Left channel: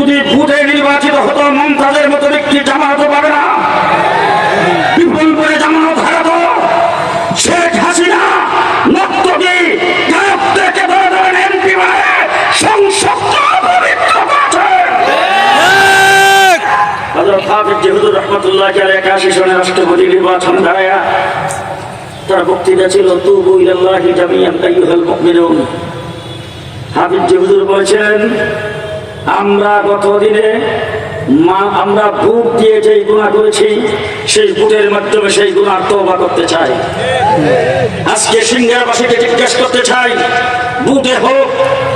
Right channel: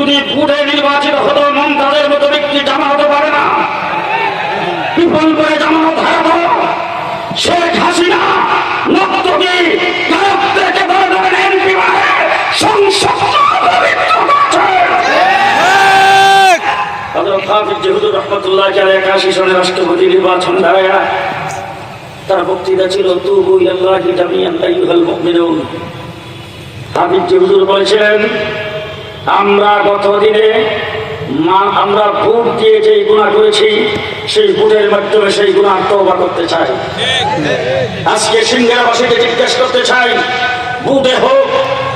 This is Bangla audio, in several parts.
যদি ভোটে নির্বাচিত হতো মমতাজের মতো ব্যক্তি জামানত পাবে না, বিপুল করে জামানত হারাতো। শেখ হাসিনা নক্তবি থেকে বলে দেবেন এমপি বানায় সংসদ পবিত্র করেছে। হযরত হাফিজ জিহুদুর রহমাতুল্লাহ আলাইহি 81 সনে রাষ্ট্রপতি নির্বাচন ভাইয়া তার বক্তৃতা ছিল তুবু ইলাল্লাহি জামিআন আইয়ুহাল মুমিনুন। হাফিজ জিহুদুর বলেছেন, আমরা গত দিনে আমরা ভোট দিয়ে যেই গুনাহ করেছি সেই ভোটের মাধ্যমে সেই গুনাহ তওবা করতে চাই। আজকে সিংহাবাসীকে জিজ্ঞেস করতে চাই, ভোটে হোক,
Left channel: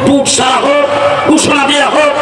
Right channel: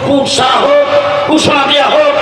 ভোট সারা হোক, ঘোষণা দেওয়া হোক,